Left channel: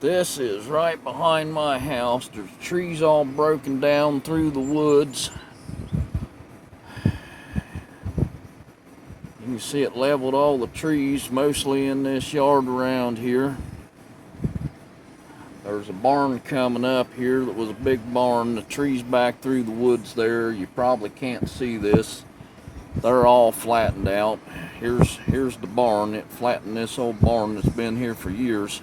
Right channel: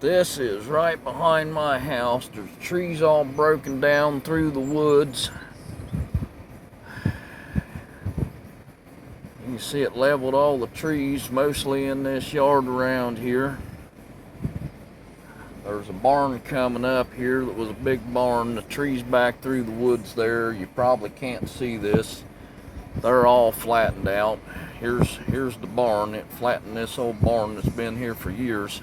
This is right behind my house. There's trees all broken down through the woods. You can see it leveled all the trees, mostly in this yard around here. There's a barn coming up here that was a big barn. The trees back through the woods there. You probably can't see this. They're all flattened out. Here's the barn. It flattened this old barn that's been here for years.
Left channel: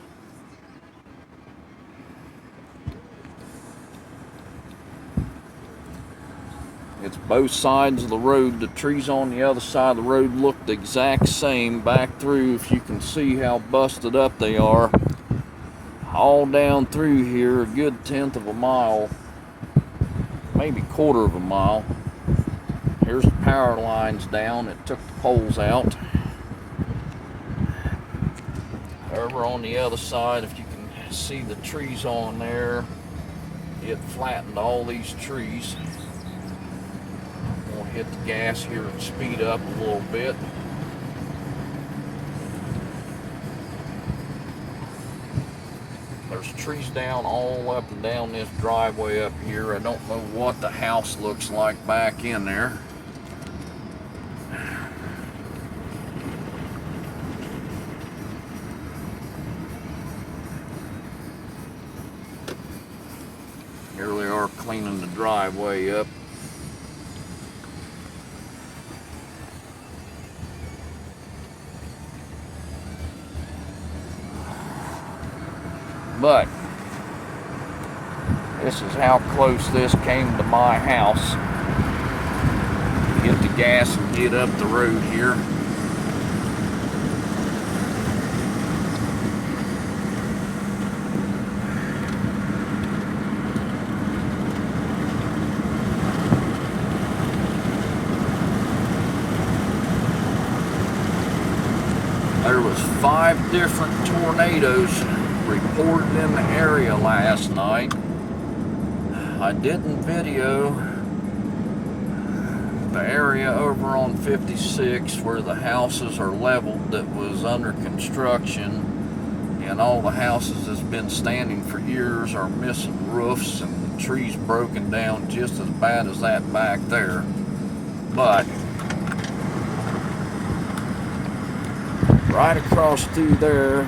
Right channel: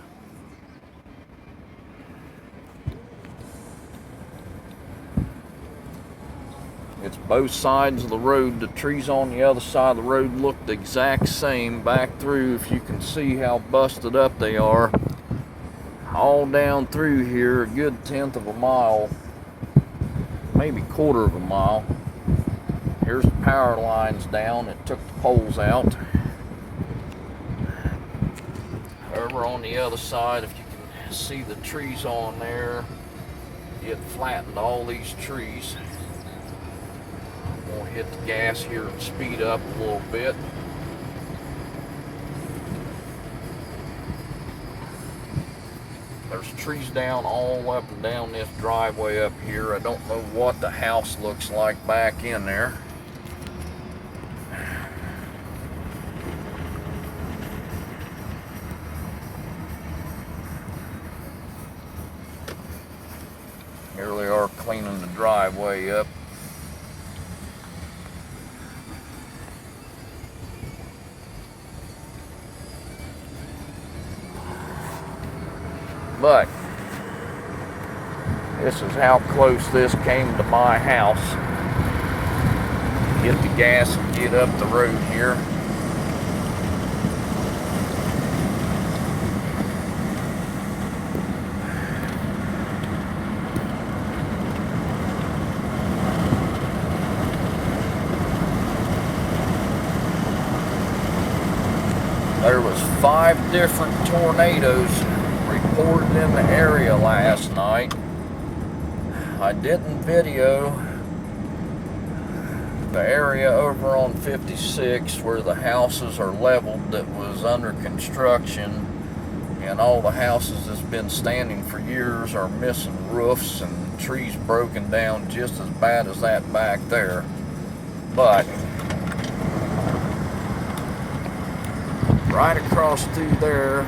It's both sides of the road. The trees on the other side of the road look the exact same back through. If you can see how busted up they are. All down through here, a good 1/10 of a mile, maybe 1/4 of a mile. Here's the power lines down. It took the poles out. Over on the other side, if you can see the trees on there, it flattened all these trees. I'm gonna hit the gas here and speed up a little bit. There's trees down all up and down this driveway up here. I don't know what the house looks like back in there. Here they are cleaning the driveway up. But this is how close this came to my house. Get the gas and get up the road here. There was 5 different tornadoes reported in the area last night. I didn't video the area over on 56 where the houses are leveled that was under construction, and all the houses that's been standing for years are missing roofs and trees broken down just as bad as that back there. But right across through there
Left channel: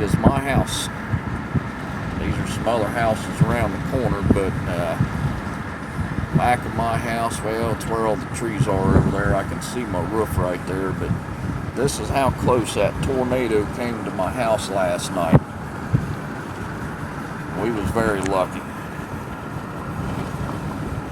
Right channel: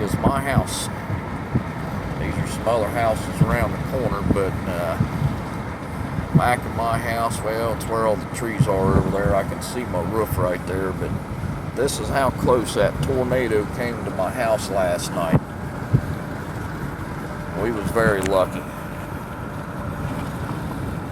is my house. These are some other houses around the corner, but back of my house, well, it's where all the trees are over there. I can see my roof right there, but this is how close that tornado came to my house last night. We was very lucky.